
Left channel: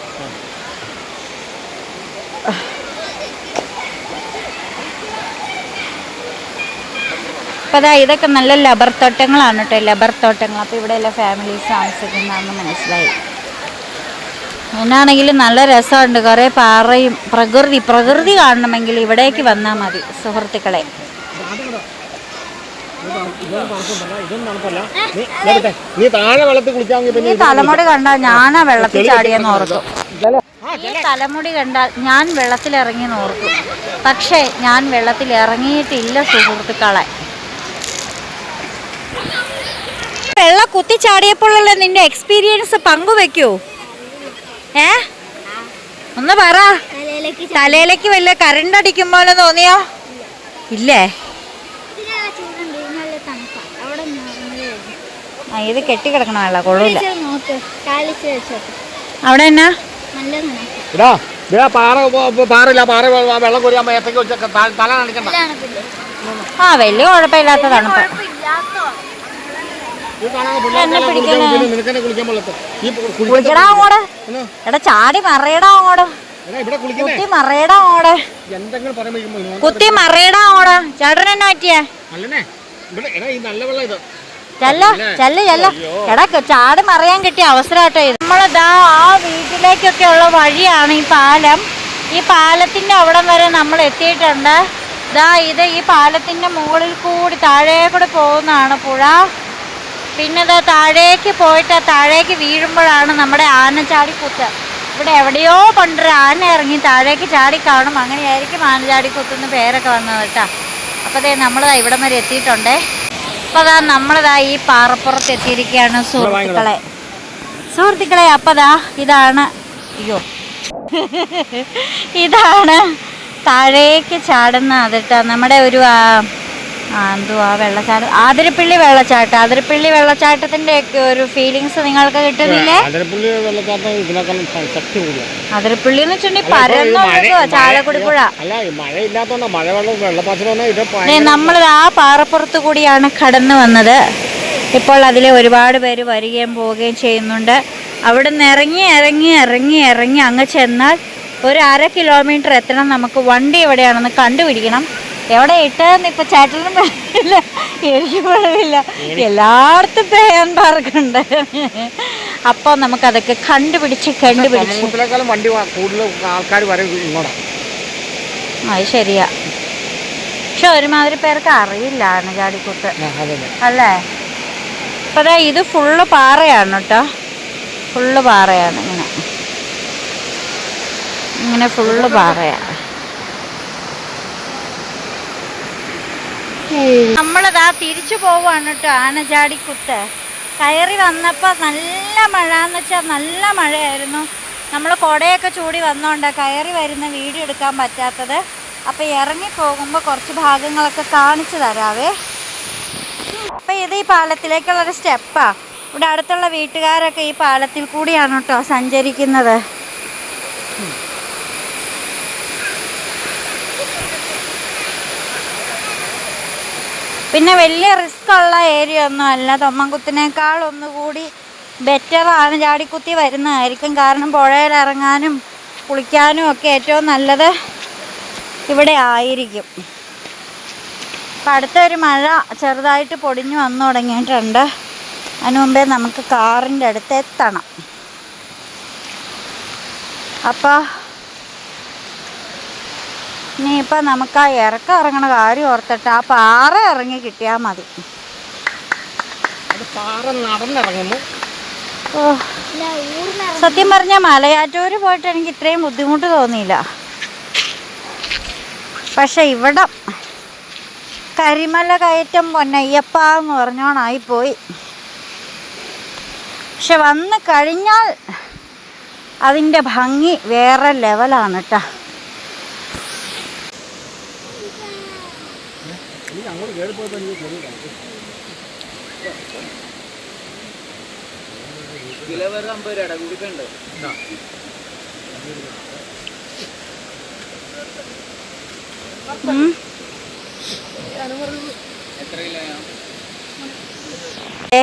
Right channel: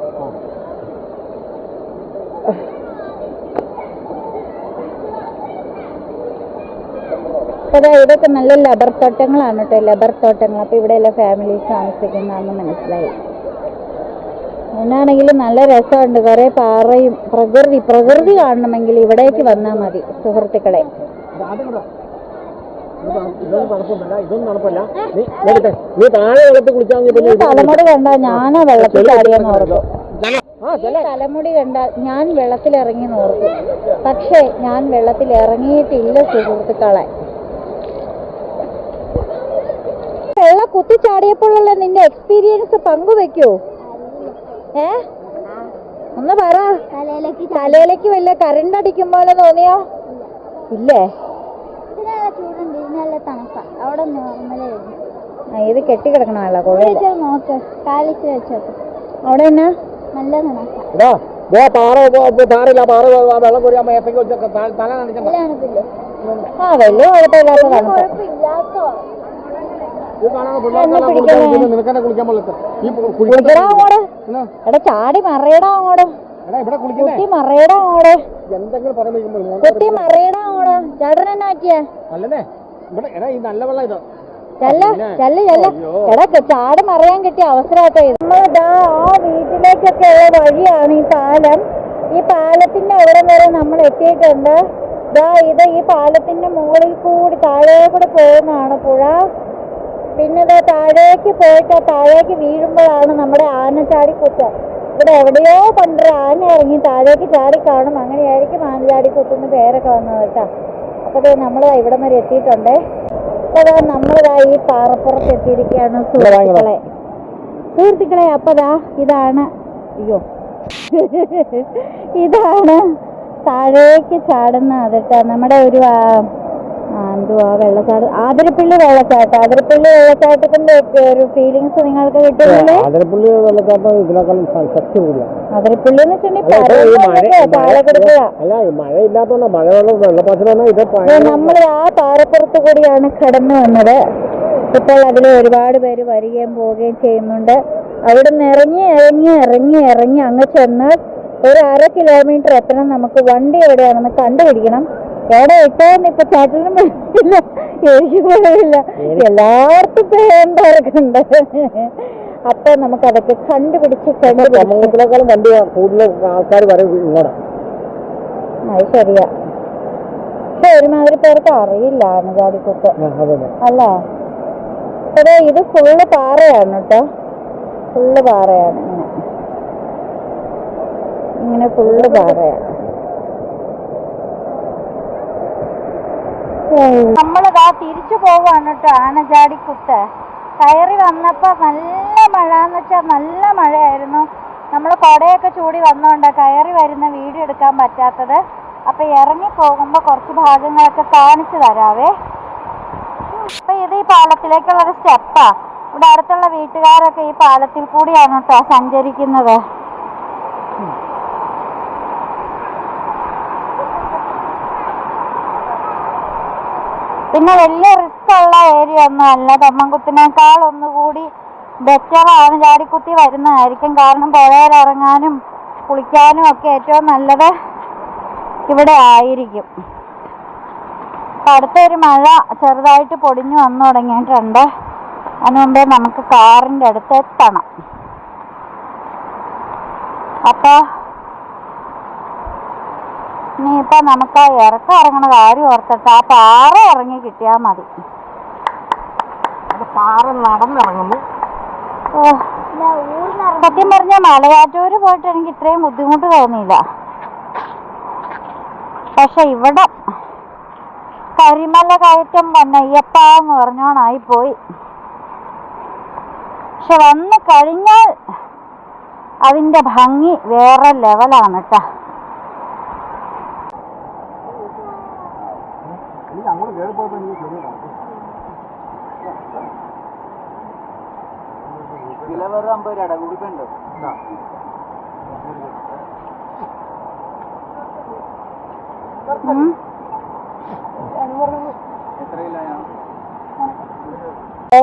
അപ്പൊ അതാ ഇതൊക്കെ നല്ല ലബർ തോട്ടങ്ങളാണ് കേട്ടോ ലബർ തോട്ടങ്ങൾ. അപ്പോൾ ഇവിടെ എല്ലാ ഫാമിലീസ് താമസിക്കുന്നതാണെന്ന് മനസ്സിലായി. ഞാനാണെങ്കിൽ നല്ല രസമുണ്ട്. കുറേ പാറയും പ്രകൃതി പ്രകൃതി കാണണമെങ്കിൽ ഇവിടേക്ക് വന്നാൽ മതി സുഹൃത്തുക്കളെ. തലമുടി കണ്ടാൽ ഞാനാ വെള്ളത്തിൽ ചാടിയെന്ന് ഈ തലമുടി കണ്ടാൽ ഞാൻ വെള്ളത്തിൽ ഇറങ്ങി നോക്കും പക്ഷേ ഞാൻ വെള്ളത്തിൽ ഇറങ്ങിയിട്ടില്ല സുഹൃത്തുക്കളെ. വെള്ള കുത്തിച്ചാടിയപ്പോഴുള്ള നിന്റെ എക്സ്പീരിയൻസ് പങ്കുവെക്കോ. ഏ? ഒന്ന് പറ. തലയിലേക്ക് തലയിലേക്ക് വല്ല കറണ്ട് അടിക്കുമ്പോലെ തോന്നിയോ? ഇല്ലേ? തണുപ്പാ. ആ ഇത് കെട്ടിക്കിടക്കണ വെള്ള കൊള്ളില്ല നോക്ക് കാലിച്ച് വെച്ചോട്ടെ അവിടെ എന്നാ? തണുപ്പ് ആ വലിയ കുഴപ്പമില്ലാത്ത നിനക്കെന്നെ കുളിക്കാൻ പോലത്തെ. കുളിക്കടാ? എടാ ചാടി മറയടാ കുത്തി മറയടാ അങ്ങോട്ട് എന്തെങ്കിലും പറയുമ്പോൾ കുത്തി മറയടാ അങ്ങോട്ട് ചേട്ടൻ എന്നാ പറ്റിയേ? അല്ലല്ലേ? ഇവിടെ എടാ ഈ നല്ല വെള്ളം ഇത്. ചെല്ല ചെല്ല ചെല്ല. എടാ ക- ചാടി മറിയാൻ കിട്ടിയ അവസരമായിട്ടോ ഇത്. നമ്മളിതാ ആ വീട്ടിലേക്കൊക്കെ ഉള്ള വഴിയാണ് ഈ പാലം. ഈ പാലത്തിന്റെ അവിടം വരെ നമ്മൾ എത്തിയിട്ടുണ്ട്. ഇതാ ഇത് ഈ പാലത്തിന്റെ മുകളിൽ കൂടി താഴെ കൂടി പോകുന്നതാണ് പുഴ. പിന്നെ ദാ താഴേക്ക് പോയിട്ട് താഴേക്ക് വീഴുമ്പോഴാണ് നമ്മുടെ ആന ചാടിക്കുത്ത്. ഇവിടെ എവിടെയോ പണ്ടൊരു ആന ഇറങ്ങി താഴേക്ക് ചാടി കാണും. അങ്ങനെയായിരിക്കും ആനച്ചാടിക്കുത്ത് പേരൊക്കെ വന്നത് കേട്ടോ. അപ്പോൾ ദേ നമ്മളിതാ ഇവിടം വരെ എത്തിയിട്ടുണ്ടേ. അപ്പോൾ അതാ നമ്മളിതാ ഈ പാറപ്പുറത്ത് എത്തിയിരിക്കുകയാണ് സുഹൃത്തുക്കളെ. സുഹൃത്തുക്കളെ അപ്പോൾ ദാ ഇതാണ് അയ്യോ. ഇതാണ് താഴേക്ക് ചാടുന്ന അതിട്ട നമ്മുടെ ഒരു എന്തുവാ വെള്ളച്ചാട്ടം? ആതിരപ്പള്ളി വെള്ളച്ചാട്ടം. ആതിരപ്പള്ളി വെള്ളച്ചാട്ടത്തിന്റെ ഒക്കെ ഒരു ഫീലിങ്സ് നിങ്ങൾക്ക് കിട്ടുന്നില്ലേ? ആതിരപ്പള്ളി വെള്ളച്ചാട്ടം ഇതിനേക്കാളും ശക്തി കൂടിയാണ് ആതിരപ്പള്ളി എന്ന് വെച്ചിട്ടുണ്ടെങ്കിൽ അല്ല, ഈ മഴ- മഴ- വെള്ളം വെള്ളപ്പാച്ചിൽ വന്നാൽ ഇത് നമ്മൾ ആ പാറപ്പുറത്ത് കൂടിയാണ് കടന്നു വന്നത്. ഇപ്പോൾ അതിൽ ഒരുപാട് പേര് വരികയും പോവുകയും ചെയ്യുന്നുണ്ട്. അവിടെ നിന്ന് ഇറങ്ങി ഇറങ്ങി ഇറങ്ങി ഇറങ്ങി അങ്ങ് ചെന്നാൽ ഒരു അര കിലോമീറ്റർ എത്തണം. നമുക്ക് വണ്ടി എവിടെയാണെന്ന് കണ്ടുപിടിക്കണം. എവിടെ ഇട്ടതെന്ന് ഇപ്പൊ ചേട്ടനും പറയില്ല എനിക്ക് കുഴപ്പമില്ല എല്ലായിടത്തും പേയാൻ പാർക്കുണ്ട് അപ്പൊ നമുക്കതൊക്കെ കണ്ടുപിടിച്ച് കണ്ടുപിടിച്ച്. വണ്ടി കൂടുതൽ ആൾക്കാർ അത് ശരിയാ. പക്ഷെ ഒരുമാതിരി പേർക്ക് അറിയില്ല ആനചാടിക്കുത്ത് അല്ലേ? അപ്പൊ അതാ ഇത് ഫുള്ള് പാറയാണ് കേട്ടോ. ഫുള്ള് പാറയാണ് ഇങ്ങനെ. ഇങ്ങനെ ഫുള്ള് പാറയാണ്. നമ്മളിതാ തിരിച്ചു പോവാണ് കേട്ടോ ആനചാടിക്കുത്ത്. കയറി വന്നപ്പോൾ നല്ല മഴ എന്ന് വെച്ചാൽ നല്ല മഴയായിരുന്നു. നമ്മൾ കുടയൊക്കെ ചൂടി വന്നോണ്ടാ കയറി വരുന്ന വീഡിയോ എടുക്കാൻ പറ്റാത്തത്. അപ്പം ഇറങ്ങി പോകുമ്പോൾ കുറച്ച് ഭാഗങ്ങളൊക്കെ കാണിച്ചു തരാവേ. അപ്പം ഇത് ഈ പാലത്തിലേക്കുള്ളൊരു സ്റ്റെപ്പാണ് ഇവിടെ അടുത്തുള്ള വീട്ടുകാരൊക്കെ ഈ പാലത്തിൽ കൂടിയാണ് കേട്ടോ സഞ്ചരിക്കുന്നത്. പിന്നെ വലിയ റിസ്ക് ഉള്ള ഏരിയ ഒന്നും അല്ല. തൊമ്മൻകുത്തിനേക്കാൾ ഒന്നുകൂടി ബെറ്ററാണ് ചാടിക്കുത്തി വരുന്നതായിരിക്കും. കാരണം പുഴയിൽ ഇറങ്ങാനും കുളിക്കാനും ഒക്കെ ഏറ്റവും നല്ലത് ഇവിടെ ആയിരിക്കും. അപ്പം അടുത്തൊരു മഴ ചെറുതായിട്ട് പൊടിഞ്ഞു വന്നു തുടങ്ങിയിട്ടുണ്ട്. അതിനു മുമ്പേ നമുക്ക് കാറിന്റെ അടുത്ത് എത്തണം. അപ്പോൾ ഇനിയിപ്പോൾ നമുക്ക് ആ ഇറക്കം ഇറങ്ങണ കാര്യം ഓർത്തിട്ട് ആ പാറ ഇറങ്ങി കിട്ടിയാൽ മതി. പാറ നടന്നിറങ്ങുന്നു. ഓ സത്യം പറഞ്ഞ മലയാറ്റൂർ പോയിട്ട് എനിക്ക് ഇത്രയും ബുദ്ധിമുട്ട് തോന്നിയില്ല. പക്ഷെ ഇവിടെ കരിമല കയറ്റം പൊന്നയ്യപ്പ എന്ന് പറഞ്ഞോണായിപ്പോയി പക്ഷെ വന്ന് കഴിഞ്ഞാൽ അതിന്റെ ഭംഗി വേറെ ലെവലാണ് കേട്ടോ ഉം. ഏ,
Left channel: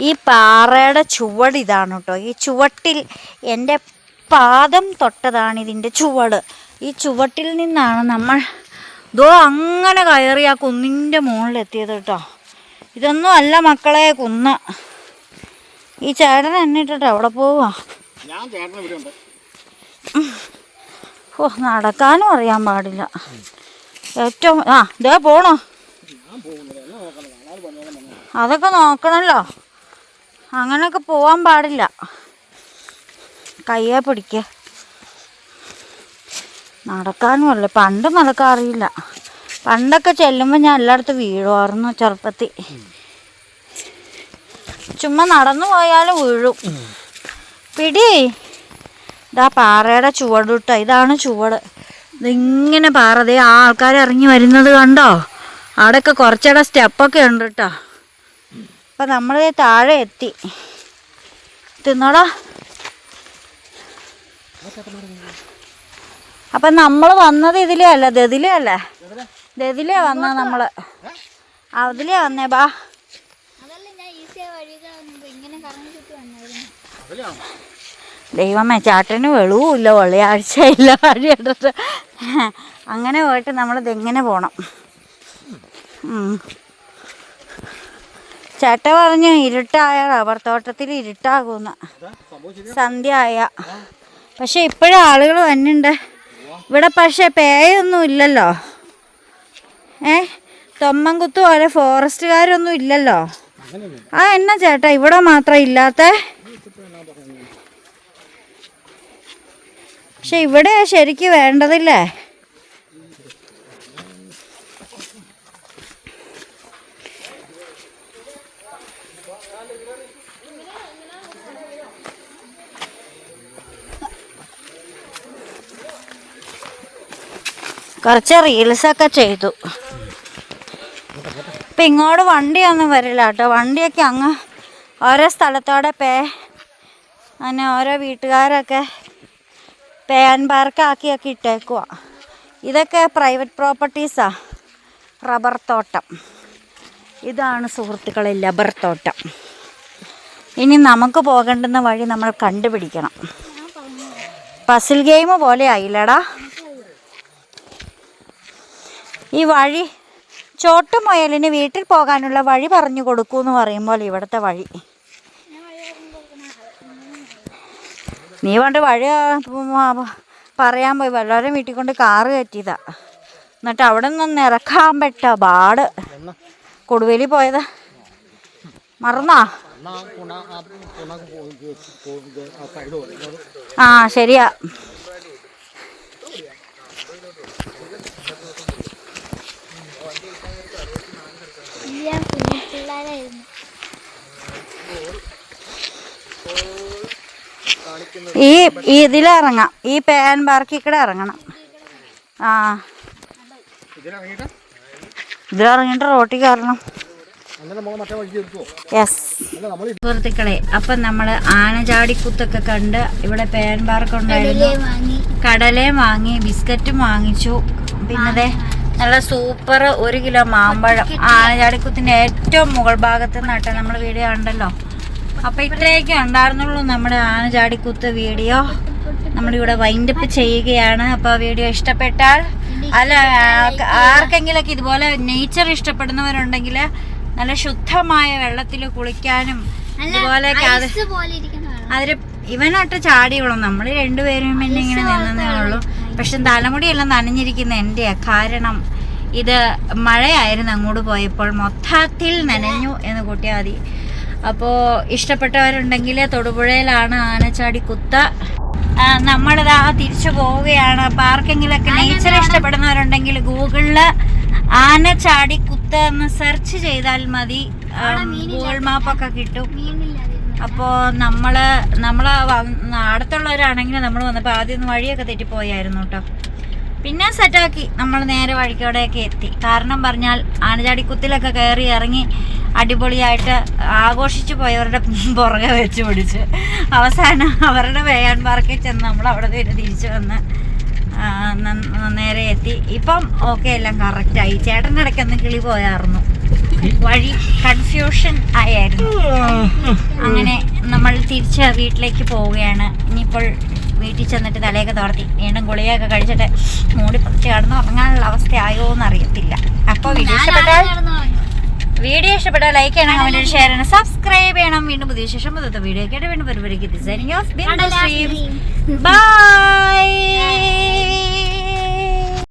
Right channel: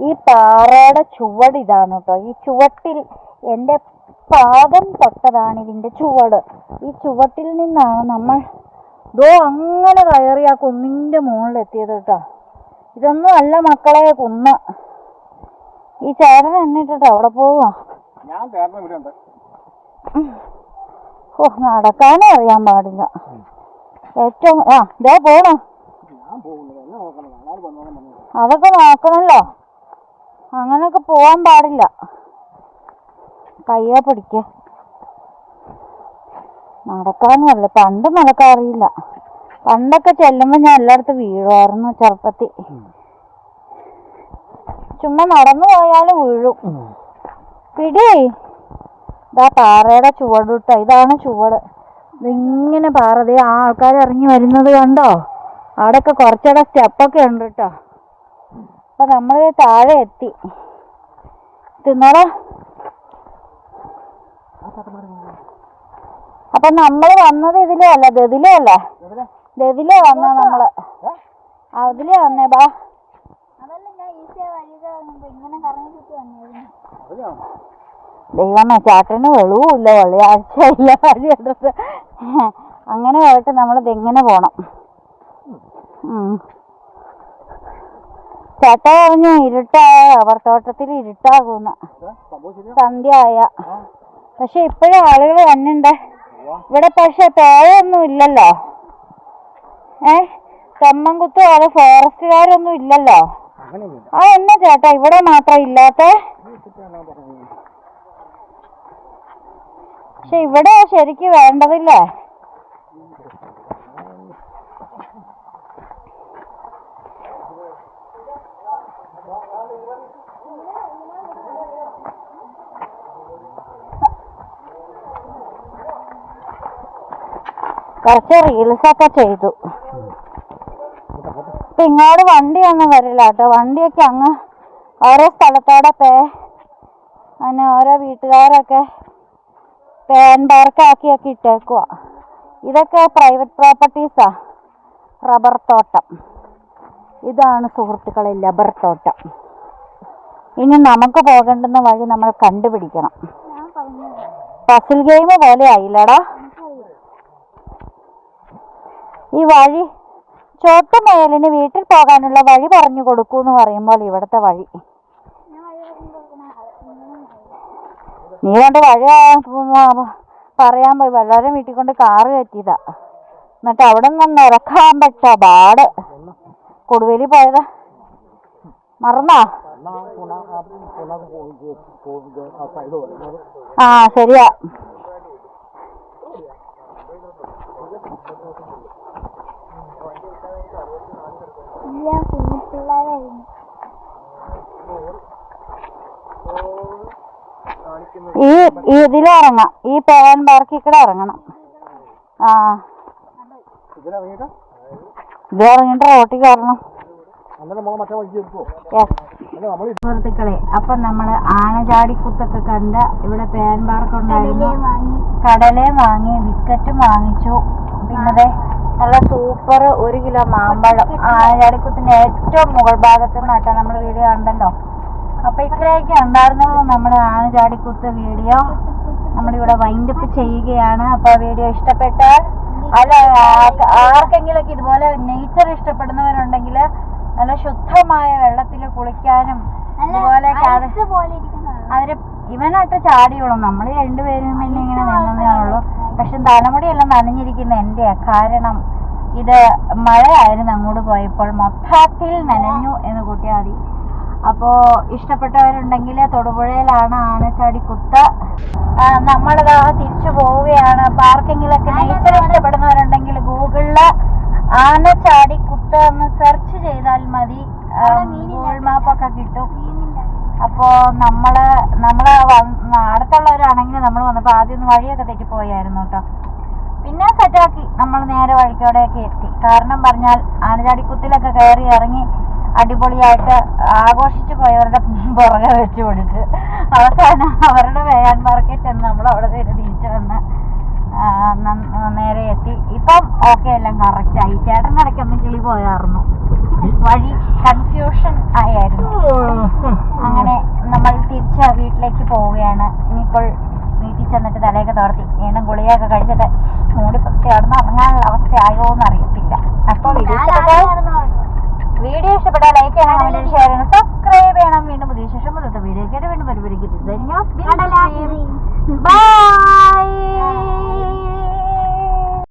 ഈ പാറയുടെ ചുവട് ഇതാണ് കേട്ടോ. ഈ ചുവട്ടിൽ എന്റെ പാദം തൊട്ടതാണ് ഇതിന്റെ ചുവട്. ഈ ചുവട്ടിൽ നിന്നാണ് നമ്മൾ ദോ അങ്ങനെ കയറി ആ കുന്നിന്റെ മുകളിലെത്തിയത് കേട്ടോ. ഇതൊന്നും അല്ല മക്കളെ കുന്ന. ഈ ചേട്ടൻ എന്നിട്ടിട്ട് അവിടെ പോവാ? ഓ നടക്കാനും അറിയാൻ പാടില്ല. ഏറ്റവും ആ ദേ പോണോ. അതൊക്കെ നോക്കണല്ലോ. അങ്ങനെയൊക്കെ പോവാൻ പാടില്ല. കയ്യെ പിടിക്ക. നടക്കാനും അല്ല പണ്ട് നടക്കാറിയില്ല. പണ്ടൊക്കെ ചെല്ലുമ്പോൾ ഞാൻ എല്ലായിടത്തും വീഴുമായിരുന്നു ചെറുപ്പത്തിൽ. ചുമ്മാ നടന്നു പോയാലും വീഴും. പിടി. ഇതാ പാറയുടെ ചുവട് ഇട്ട ഇതാണ് ചുവട്. ഇതിങ്ങനെ പാറ. ദേ ആ ആൾക്കാർ ഇറങ്ങി വരുന്നത് കണ്ടോ? അവിടെയൊക്കെ കുറച്ചുകൂടെ സ്റ്റെപ്പൊക്കെ ഉണ്ട് കേട്ടോ അപ്പം നമ്മൾ താഴെ എത്തി. തിന്നടാ. അപ്പം നമ്മൾ വന്നത് ഇതിലേ അല്ല? ദതിലേ അല്ല? ദതിലേ വന്ന നമ്മൾ. അതിലേ വന്നേ ബാ. ദൈവമേ ചാട്ടന് വെളിവുമില്ല വെള്ളിയാഴ്ചയില്ല വഴി എടുത്തിട്ട് അങ്ങനെ പോയിട്ട് നമ്മളിത് എങ്ങനെ പോണം. ചേട്ട പറഞ്ഞു ഇരുട്ടായ റബ്ബർ തോട്ടത്തിൽ ഇരുട്ടാകുമെന്ന് സന്ധ്യ ആയ. പക്ഷെ ഇപ്പോഴും ആളുകൾ വന്നുണ്ട്. ഇവിടെ പക്ഷെ പേയൊന്നും ഇല്ലല്ലോ. ഏ? തൊമ്മൻകുത്തു പോലെ ഫോറസ്റ്റുകാരൊന്നും ഇല്ലല്ലോ. ആ എന്നാ ചേട്ടാ ഇവിടെ മാത്രം ഇല്ലാത്ത? പക്ഷെ ഇവിടെ ശരിക്ക് വേണ്ടതില്ലേ? കുറച്ച് റീൽസൊക്കെ ചെയ്തു. ഇപ്പം ഇങ്ങോട്ട് വണ്ടിയൊന്നും വരില്ല കേട്ടോ. വണ്ടിയൊക്കെ അങ്ങ് ഓരോ സ്ഥലത്തോടെ പേ അങ്ങനെ ഓരോ വീട്ടുകാരൊക്കെ പേൻ പാർക്കാക്കിയൊക്കെ ഇട്ടേക്കുക ഇതൊക്കെ പ്രൈവറ്റ് പ്രോപ്പർട്ടീസാ റബ്ബർ തോട്ടം. ഇതാണ് സുഹൃത്തുക്കളെ റബ്ബർ തോട്ടം. ഇനി നമുക്ക് പോകേണ്ടുന്ന വഴി നമ്മൾ കണ്ടുപിടിക്കണം. പസിൽ ഗെയിം പോലെ ആയില്ലടാ ഈ വഴി ചോട്ട മുയലിന് വീട്ടിൽ പോകാനുള്ള വഴി പറഞ്ഞു കൊടുക്കൂ എന്ന് പറയുമ്പോൾ ഇവിടുത്തെ വഴി. നീ കൊണ്ട് വഴി പറയാൻ പോയി. വല്ലവരും വീട്ടിൽ കൊണ്ട് കാറ് കയറ്റിയതാ. എന്നിട്ട് അവിടെ നിന്ന് ഇറക്കാൻ പറ്റ പാട് കൊടുവേലി പോയത്. മറന്നാ? ആ ശരിയാ. ഞാൻ കുഞ്ഞു പിള്ളേരായിരുന്നു. ഈ ഈ ഇതിലിറങ്ങാം ഈ പേൻ പാർക്കിൽ കൂടെ ഇറങ്ങണം. ആ. ഇതിലിറങ്ങിട്ട് റോട്ടി റോട്ടിൽ കയറണം. നമ്മളെ സുഹൃത്തുക്കളെ അപ്പം നമ്മൾ ആനചാടിക്കുത്തൊക്കെ കണ്ട് ഇവിടെ പേൻ പാർക്ക് ഉണ്ടായിരുന്നു കടലയും വാങ്ങി ബിസ്ക്കറ്റും വാങ്ങിച്ചു. പിന്നെ ദേ നല്ല സൂപ്പർ ഒരു കിലോ മാമ്പഴം. ആനചാടിക്കുത്തിന്റെ ഏറ്റവും മുകൾ ഭാഗത്ത് നിന്നാട്ടെ നമ്മൾ വീഡിയോ ഉണ്ടല്ലോ അപ്പൊ ഇത്രയൊക്കെ ഉണ്ടായിരുന്നുള്ളൂ നമ്മുടെ ആനചാടിക്കുത്ത് വീഡിയോ. നമ്മളിവിടെ വൈൻഡപ്പ് ചെയ്യുകയാണ്. അപ്പൊ വീഡിയോ ഇഷ്ടപ്പെട്ടാൽ അല്ല ആർക്കെങ്കിലൊക്കെ ഇതുപോലെ നേച്ചർ ഇഷ്ടപ്പെടുന്നവരുണ്ടെങ്കിൽ നല്ല ശുദ്ധമായ വെള്ളത്തിൽ കുളിക്കാനും അതുപോലെ അത് ഇവനൊട്ട് ചാടിയുള്ളൂ നമ്മൾ രണ്ടുപേരും പിന്നെ ഇങ്ങനെ നിന്നതേ ഉള്ളൂ പക്ഷെ തലമുടിയെല്ലാം നനഞ്ഞിരിക്കുന്ന എന്റെയാ. കാരണം ഇത് മഴയായിരുന്നു അങ്ങോട്ട് പോയപ്പോൾ. മൊത്തത്തിൽ നനഞ്ഞു എന്ന് കൂട്ടിയാൽ മതി. അപ്പോൾ ഇഷ്ടപ്പെട്ടവരുണ്ടെങ്കിൽ തൊടുപുഴയിലാണ് ആനച്ചാടി കുത്ത. നമ്മളിതാ തിരിച്ചു പോവുകയാണ്. അപ്പൊ ആർക്കെങ്കിലൊക്കെ നേച്ചർ ഇഷ്ടപ്പെടുന്നവരുണ്ടെങ്കിൽ ഗൂഗിളിൽ ആനച്ചാടി കുത്ത എന്ന് സെർച്ച് ചെയ്താൽ മതി. ഗൂഗിൾ മാപ്പൊക്കെ കിട്ടും. അപ്പോൾ നമ്മൾ നമ്മൾ അടുത്തുള്ളവരാണെങ്കിൽ നമ്മൾ വന്നപ്പോൾ ആദ്യം ഒന്ന് വഴിയൊക്കെ തെറ്റിപ്പോയായിരുന്നു കേട്ടോ പിന്നെ സെറ്റാക്കി. നമ്മൾ നേരെ വഴിക്കോടെയൊക്കെ എത്തി. കാരണം പറഞ്ഞാൽ ആനചാടിക്കുത്തിലൊക്കെ കയറി ഇറങ്ങി അടിപൊളിയായിട്ട് ആഘോഷിച്ചു പോയവരുടെ പുറകെ വെച്ച് പിടിച്ച് അവസാനം അവരുടെ വേയാൻ ചെന്ന് നമ്മൾ അവിടെ നിന്ന് തിരിച്ചു വന്ന് നേരെ എത്തി. ഇപ്പം ഓക്കെ എല്ലാം കറക്റ്റായി ചേട്ടന്റെ ഇടയ്ക്കൊന്ന് കിളി പോയായിരുന്നു വഴി കൺഫ്യൂഷൻ ആയായിരുന്നു. അങ്ങനെ നമ്മൾ തിരിച്ച് വീട്ടിലേക്ക് പോവുകയാണ്. ഇനിയിപ്പോൾ വീട്ടിൽ ചെന്നിട്ട് തലയൊക്കെ തോർത്തി വീണ്ടും ഗുളികയൊക്കെ കഴിച്ചിട്ട് മൂടി പൊട്ടി കിടന്ന് ഉറങ്ങാനുള്ള അവസ്ഥയായോ എന്ന് അറിയത്തില്ല അപ്പോൾ വീഡിയോ ഇഷ്ടപ്പെട്ടാൽ വീഡിയോ ഇഷ്ടപ്പെട്ടാൽ ലൈക്ക് ചെയ്യണം കമന്റ് ഷെയർ ചെയ്യണം സബ്സ്ക്രൈബ് ചെയ്യണം. വീണ്ടും പുതിയ ശേഷം പുതിയ വീഡിയോ കേട്ട് വീണ്ടും പരിപാടിക്ക്. ബൈ